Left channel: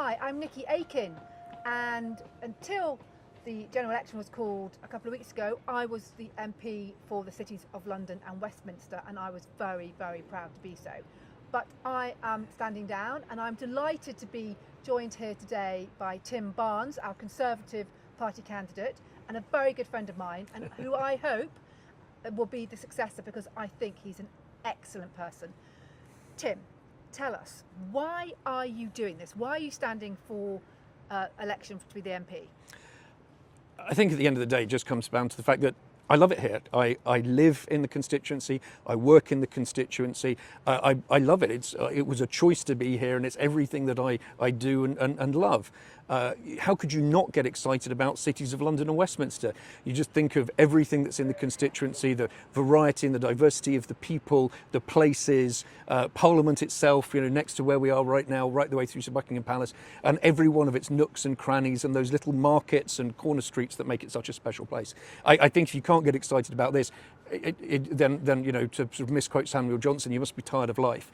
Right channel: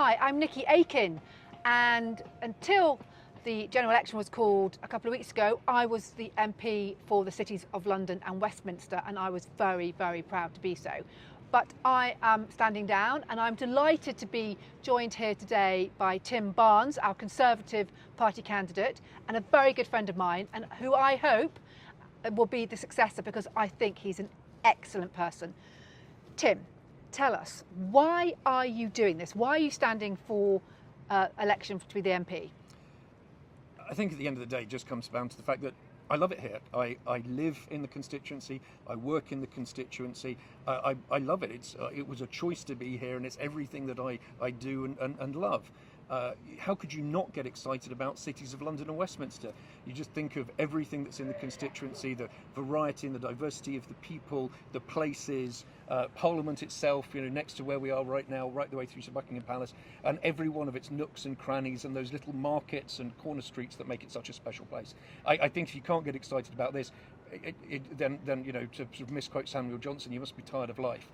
Hi, I'm Nickie Aiken, and until the general election was called a couple of weeks ago, I was the MP for the cities of London and Westminster, and I was very, very proud to be so. But I am standing down, and I'm delighted to be joined here today by Tim Barnes, our Conservative Party candidate, and a very good friend of mine, and who I hope will be the successor, because I think he's an excellent person. Tim, tell us, why are you doing this? Why are you standing for election to be the MP? I think at the end of the day, it just comes down to the fact that I love it here. I live in the constituency. I work in the constituency. I love it. It was a choice to be here, and it's everything that I do and love. How could you not get excited about cities of London and Westminster? You just think of everything that's in the constituency, the variety and the diversity of the people, the places, Parliament itself, you know, next to where we are right now, right the way through to Buckingham Palace, and every one of its nooks and crannies and those little markets and corner streets that make it such a special place. I think if you can't get excited about this, then you know, to sort of misquote Samuel Johnson, you must be tired of life.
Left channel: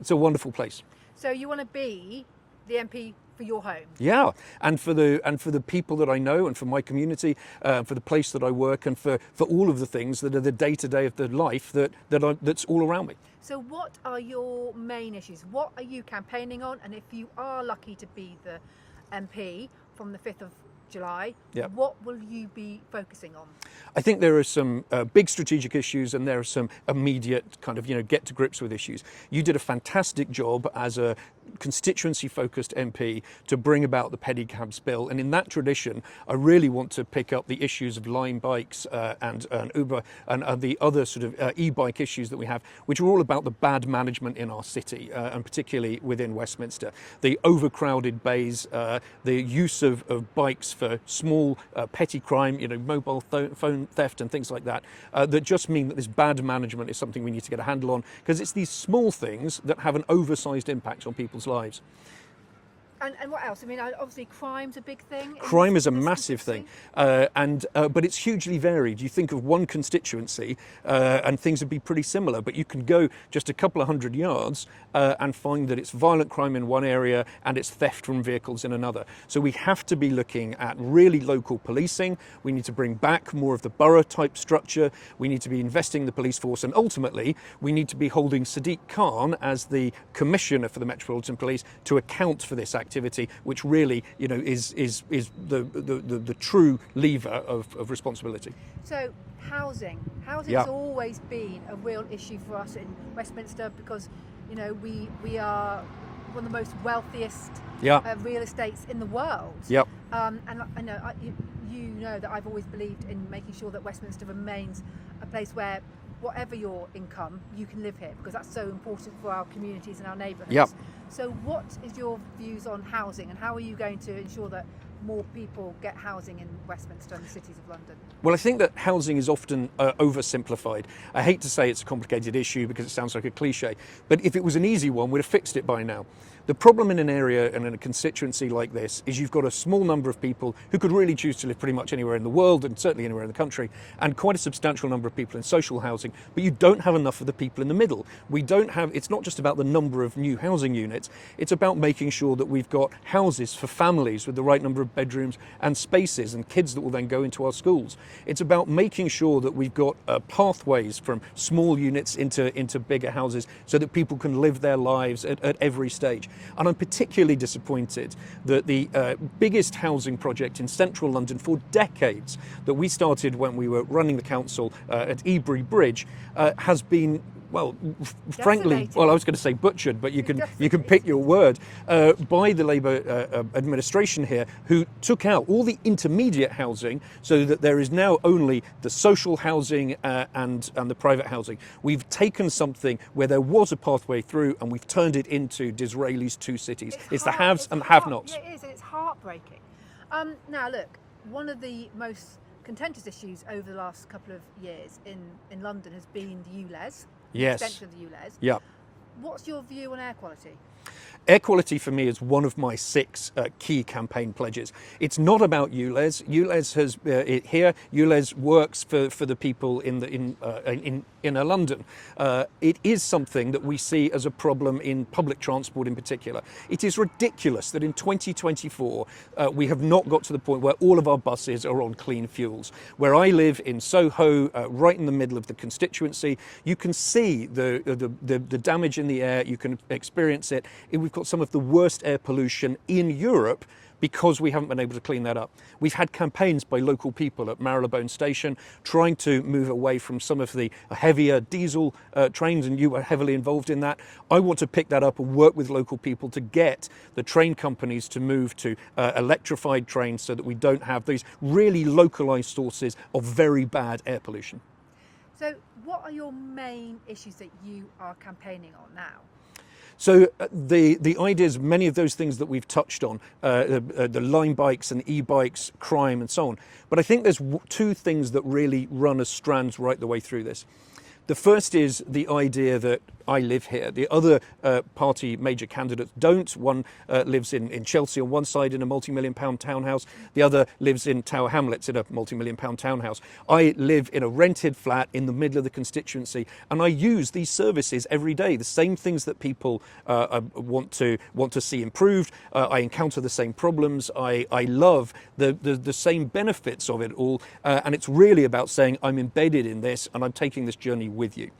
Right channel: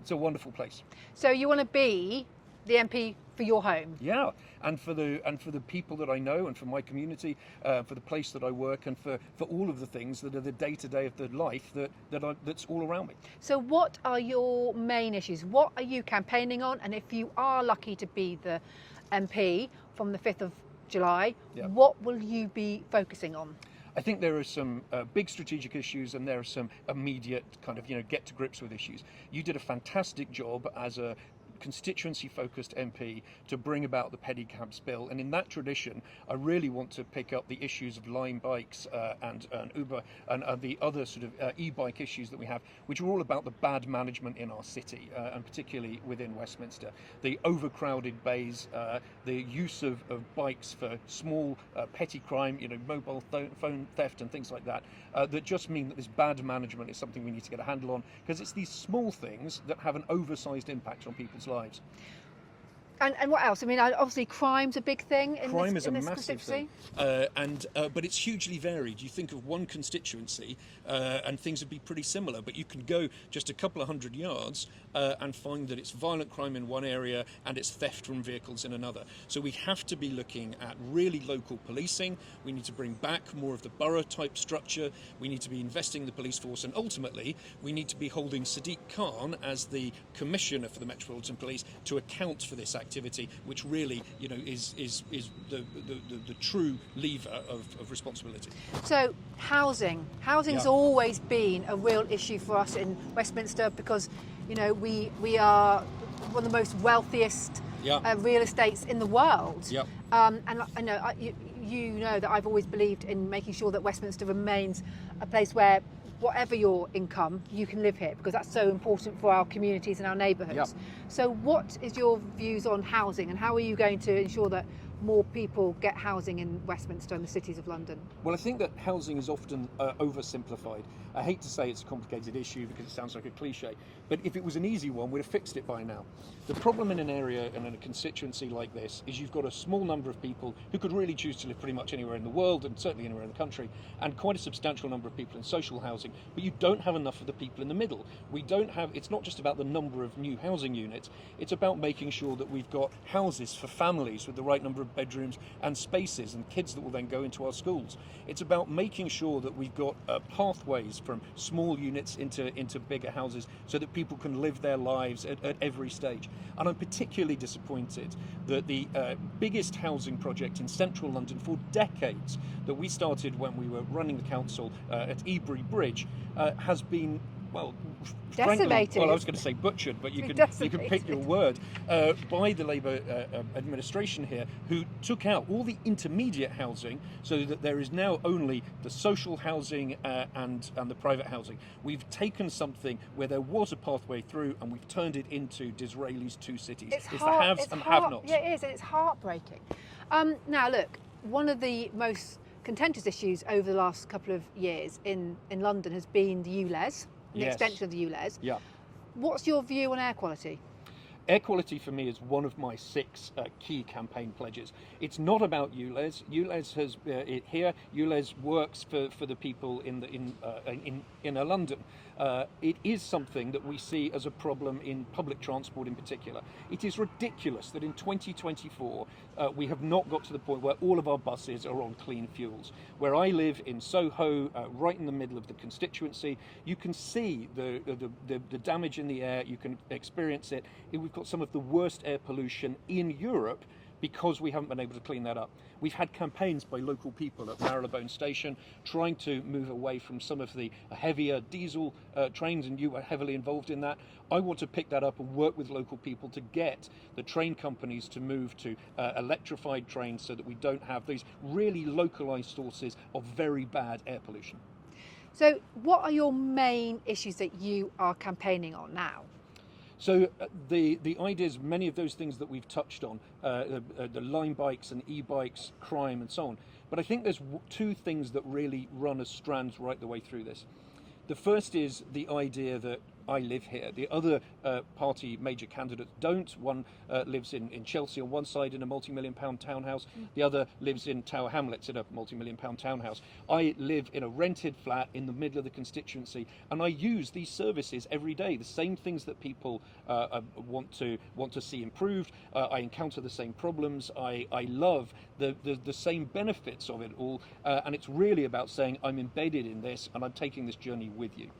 It's a wonderful place. So you want to be the MP for your home? Yeah, and for the people that I know, and for my community, for the place that I work, and for all of the things that are the day-to-day of the life that's all around me. So what are your main issues? What are you campaigning on? And if you are lucky to be the MP from the 5th of July, what will you be focusing on? I think there are some big strategic issues, and there are some immediate kind of, you know, get to grips with issues. You did a fantastic job as a constituency-focused MP to bring about the pedicabs bill, and in that tradition I really want to pick up the issues of Lime bikes and Uber and the other sort of e-bike issues that we have, which are all about the bad management in our city, and particularly within Westminster. The overcrowded bays, the use of bikes for small petty crime, you know, mobile phone theft and things like that, that just mean that this bad management is something we need to get a handle on, because it's these small things that have an oversized impact on people's lives. And what else? I mean, obviously crime's a big thing. Crime is a massive thing, but it's hugely varied. You think of one constituency and things would be pretty similar, but you can go just a couple of hundred yards and find that it's violent crime in one area and it's theft from vehicles in another. So we have to be looking at really local policing. We need to bring back more of the borough type structure. We need to be investing in the police force, and ultimately we need to be holding Sadiq Khan as the Commissioner for the Metropolitan Police to account for this activity, which really, you know, is the true lever of responsibility. So housing has always been a real issue for us in Westminster, because, you know, we are one of the most wealthiest real estates in the world. And I know you know that I've always believed in making sure that Westminster remains a place where, whatever your income, you can live here, because that's so important for our communities and our neighbourhoods. So what is your views on housing, and how are you going to ensure that more people get housing in Westminster and the cities of London? Well, I think that housing is often oversimplified. I hate to say it's a complicated issue because it sounds like a cliche, but if it was an easy one, we'd have fixed it by now. The problem in an area and in a constituency like this is you've got a small number of people who could really choose to live pretty much anywhere in the world, and certainly anywhere in the country, and quite a substantial number of people in social housing, but you don't have enough of the people in the middle. It's not just about the number of new housing units, it's about making sure that we've got houses for families with the right number of bedrooms and spaces, and kids that will then go into our schools. It's about making sure that we've got pathways from small units into bigger houses, so that people can live their lives at every stage. And I'm particularly disappointed that the biggest housing project in central London for decades, that we started when we were running the council at Ebury Bridge, has been, well, frankly, well, I was going to say butchered, but you can pick your word, by the Labour administration here, who took out all the intermediate housing, so that there is now only the social housing and the private housing. We've taken something where there was a pathway through, and we've turned it into Disraeli's two cities. It's the haves and the have-nots. Yeah, it is, and it's heartbreaking. Now, look, one of the most contentious issues over the last couple of years in London has been the ULEZ. The extension of the ULEZ. What's your view on air quality? Air quality for me is one of my 6 key campaign pledges. It's not about ULEZ. ULEZ has ULEZ works for the people in inner London. It is something that we see as a problem in public transport in particular. It is ridiculous that in 2024 we have not got to the point where all of our buses are on clean fuels. Where I live in Soho, right in the middle of the constituency, you can see the damage in the air, you can experience it. We've got some of the worst air pollution in Europe because we haven't been able to clean that up. We've had campaigns by local people at Marylebone Station trying to move away from some of the heavier diesel trains, and you were heavily involved in that. I want to pick that up and work with local people to get the train companies to move to electrified trains so that we don't have these really localised sources of very bad air pollution. So what are your main issues that you are campaigning on now? So the ideas, many of those things that we've touched on, the line bikes and e-bikes, crime and so on. But I think there's two things that really run as strands right the way through this. The first is the idea that I live here. The other party major candidates don't. One lives in Chelsea on one side in a multi-million-pound townhouse. The other lives in Tower Hamlets in a multi-million-pound townhouse. I live in a rented flat in the middle of the constituency, and I use these services every day. The same things that people want to see improved. I encounter the same problems. I love the same benefits of it all, and it's really about saying I'm embedded in this and I'm taking this journey with you.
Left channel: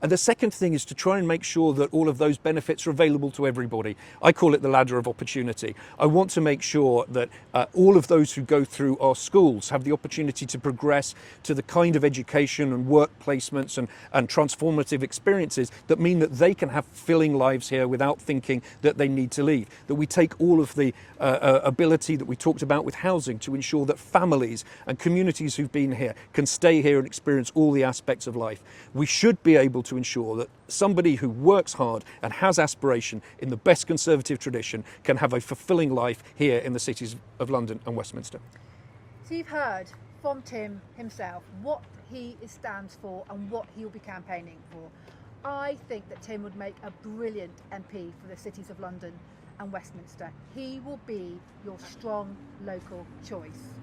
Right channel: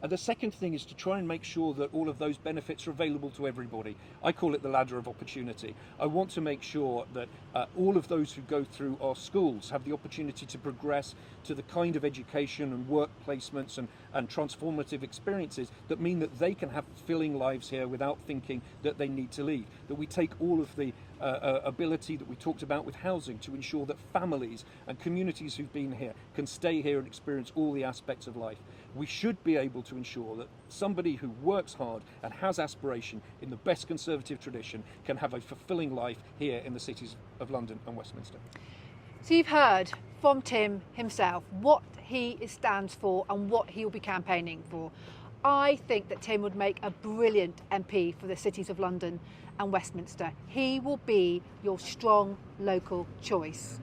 And the second thing is to try and make sure that all of those benefits are available to everybody. I call it the ladder of opportunity. I want to make sure that all of those who go through our schools have the opportunity to progress to the kind of education and work placements and transformative experiences that mean that they can have fulfilling lives here without thinking that they need to leave. That we take all of the ability that we talked about with housing to ensure that families and communities who've been here can stay here and experience all the aspects of life. We should be able to ensure that somebody who works hard and has aspiration in the best Conservative tradition can have a fulfilling life here in the cities of London and Westminster. So you've heard from Tim himself what he stands for and what he will be campaigning for. I think that Tim would make a brilliant MP for the cities of London and Westminster. He will be your strong local choice.